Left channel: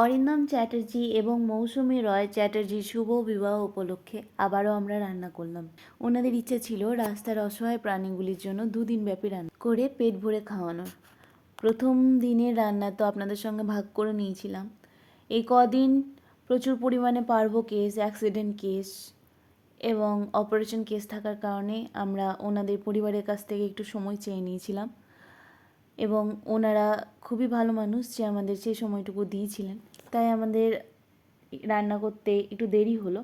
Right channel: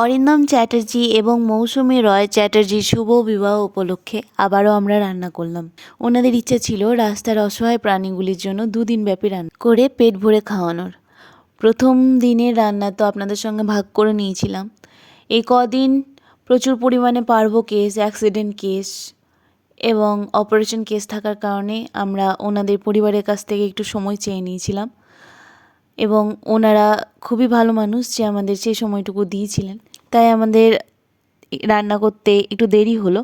অরিন্দম চ্যাটার্জি এবং মৌসুমী রয় চ্যাটার্জির শুভ বিবাহ উপলক্ষে আবারও আমরা রান্না করলাম। ওনাদের ইচ্ছা ছিল রাস্তার অসহায় প্রাণীগুলির জন্য 2 দিন ব্যাপী রান্না করে পেট ভরে খাওয়ানোর। প্রথম দিনের রান্না তো আপনাদের সঙ্গে ভাগ করে নিয়েছিলাম। এই কদিন প্রচুর পরিমাণে পার্ভো কেস, অ্যাক্সিডেন্ট কেস এবং অপারেশন কেস থাকার কারণে আমরা ওনাদের পরিবারের কাছ থেকে একটু সময় চেয়ে নিয়েছিলাম এবং ওনারা খুবই ভালো মানুষ যে আমাদের সেই সময়টুকু দিয়েছিলেন, তাই আমাদের রান্না করতে একটু দেরি হলো।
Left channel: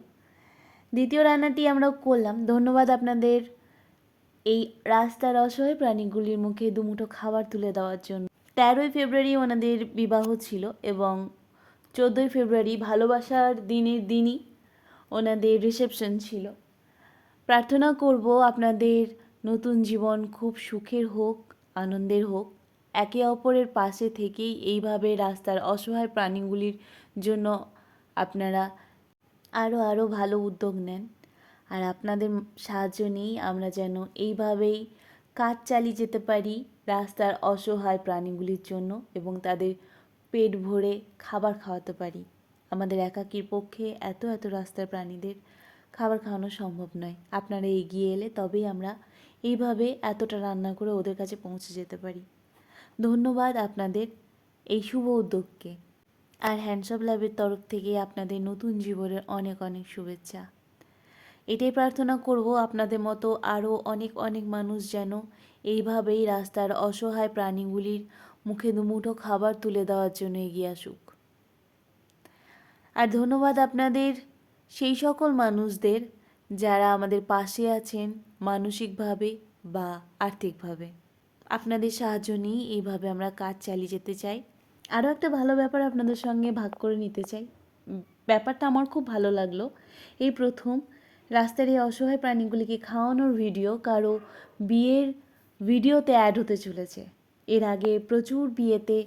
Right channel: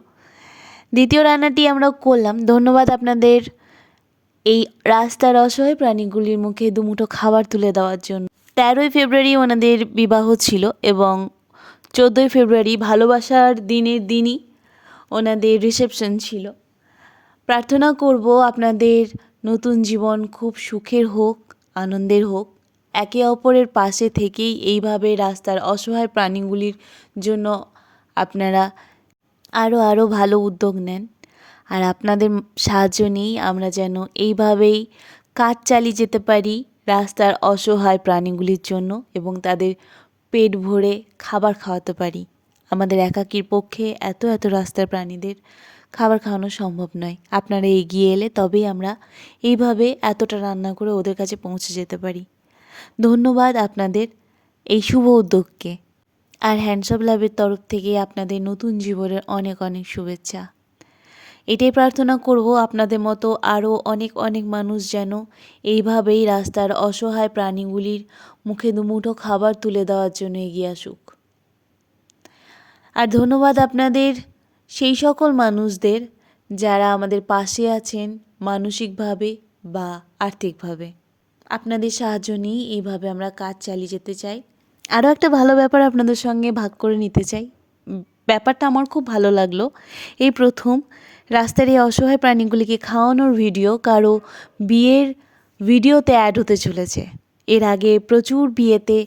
দ্বিতীয় রান্নাটি আমরা করলাম। ধন্যবাদ আপনাদের এই রাস্তার অসহায় প্রাণীগুলির মুখে দুমুঠো খাবার তুলে দেওয়ার জন্য। 13ই ফেব্রুয়ারি ওনাদের বিবাহ ছিল এবং 14ই ফেব্রুয়ারি ভালোবাসার দিনের দিনই ওনাদের রিসেপশন ছিল। প্রার্থনা করব আপনাদের নতুন জীবন খুব সুখের হোক, আনন্দের হোক। একে অপরের পাশে থেকেই এইভাবে রাস্তার অসহায় প্রাণীগুলির জন্য আপনারা আরও ভালো উদ্যোগ নেন। আর আপনাদের সাহায্য নিয়েই আমরা যেন এইভাবেই কাজ চালিয়ে যেতে পারি রাস্তার অসহায় প্রাণীগুলির জন্য এবং তাদের পেট ভরে খাবার খাওয়াতে পারি। আমাদের একাকির পক্ষে এত রাস্তার প্রাণীদের খাবার খাওয়ানো সম্ভব নয়। আপনারা এগিয়ে এলে তবেই আমরা এইভাবে এতটা রান্না করে ওদের কাছে পৌঁছে যেতে পারি। ধন্যবাদ আপনাদের এই শুভ উদ্যোগকে। আর হ্যান্ডসঅপ ল্যাবের তরফ থেকে আপনাদের নতুন জীবনের অনেক শুভেচ্ছা। এটাই প্রার্থনা করব আপনাদের মতো আরও অনেক মানুষ যেন এইভাবেই রাস্তার অসহায় প্রাণীগুলির মুখে দুমুঠো খাবার তুলে দেওয়ার জন্য এগিয়ে আসুক। আর ধন্যবাদ আপনাদের সেই সকল মানুষদের যারা আমাদের পাশে আছেন মানসিকভাবে বা আর্থিকভাবে। আপনাদের সাহায্য নিয়েই এইভাবে আমরা কাজ চালিয়ে যেতে চাই। আরও একটা ভালো ব্যাপার আপনাদের সঙ্গে ভাগ করে নিতে চাই। ব্যাপারটা আমার খুব ভালো লাগলো। এই প্রথম রাস্তার এই অসহায় প্রাণীগুলিকে খাওয়ানোর ভিডিও কারো বিয়ের ভিডিওতে অ্যাড হতে চলেছে। এর আগে প্রচুর বিয়েতে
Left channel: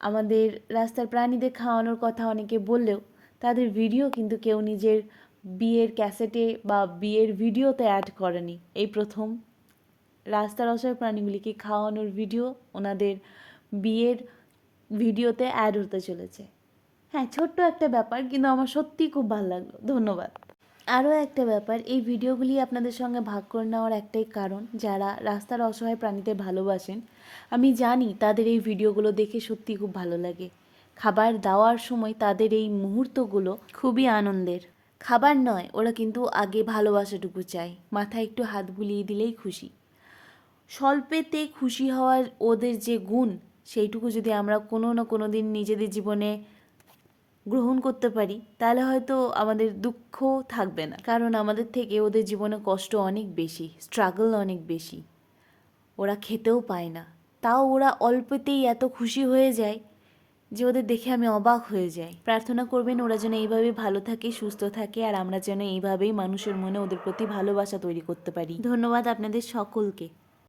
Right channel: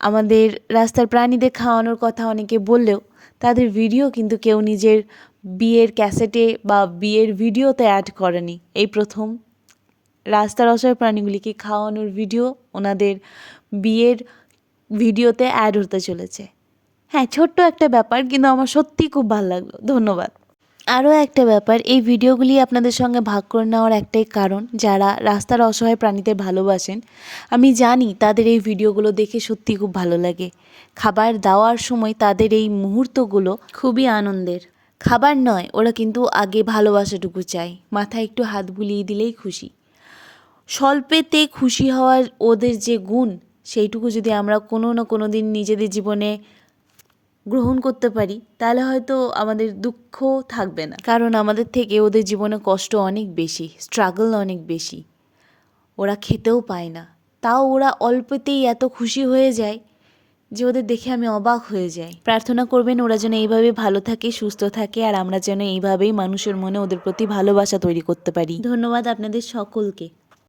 আমাদের রাস্তার প্রাণীদের খাওয়ানোর কথা অনেকে বললেও তাদের ভিডিও কিন্তু কেউ নিজের বিয়ের ক্যাসেটে বা বিয়ের ভিডিওতে অ্যাড করেনি। এই প্রথম রাস্তার অসহায় প্রাণীগুলিকে খাওয়ানোর ভিডিও ওনাদের বিয়ের ভিডিওতে অ্যাড হতে চলেছে। হ্যাঁ, ছোট্ট একটা ব্যাপার, কিন্তু আমার সত্যিই খুব ভালো লাগলো। ধন্যবাদ। আরও একটা ব্যাপার, এই ভিডিওগুলি আপনাদের সঙ্গে ভাগ করে নেওয়ার একটাই কারণ, যারা রাস্তার অসহায় প্রাণীদের ভালোবাসেন আমি জানি তাদের এই ভিডিওগুলো দেখে সত্যিই খুব ভালো লাগে। খাবার দেওয়ার সময় তাদের এই মুহূর্তগুলো খুবই আনন্দের। খাবার নয়, ওরা কিন্তু আগে ভালোবাসাটুকু চায়। মাথায় একটু হাত বুলিয়ে দিলেই খুশি। স্বল্পেতে খুশি হওয়ার ওদের যে গুণ, সেইটুকু যদি আমরা কোনো না কোনো দিন নিজেদের জীবনে গ্রহণ করতে পারি তাহলে হয়তো আমাদের দুঃখ থাকবে না। কারণ আমাদের থেকে ওদের জীবনে কষ্ট অনেক বেশি, স্ট্রাগল অনেক বেশি। ওরা খেতেও পায় না, তাও ওরা অল্পতেই এত খুশি হয়ে যায় যে ওদের দেখে আমি অবাক হয়ে যাই। প্রার্থনা করবেন ওরা যেন এইভাবে ভালো থাকে, সুস্থ থাকে, আর আমরা যেন এইভাবেই মানুষের মনে ওদের প্রতি ভালোবাসা তৈরি করতে পারি। ধন্যবাদ আপনাদের সকলকে।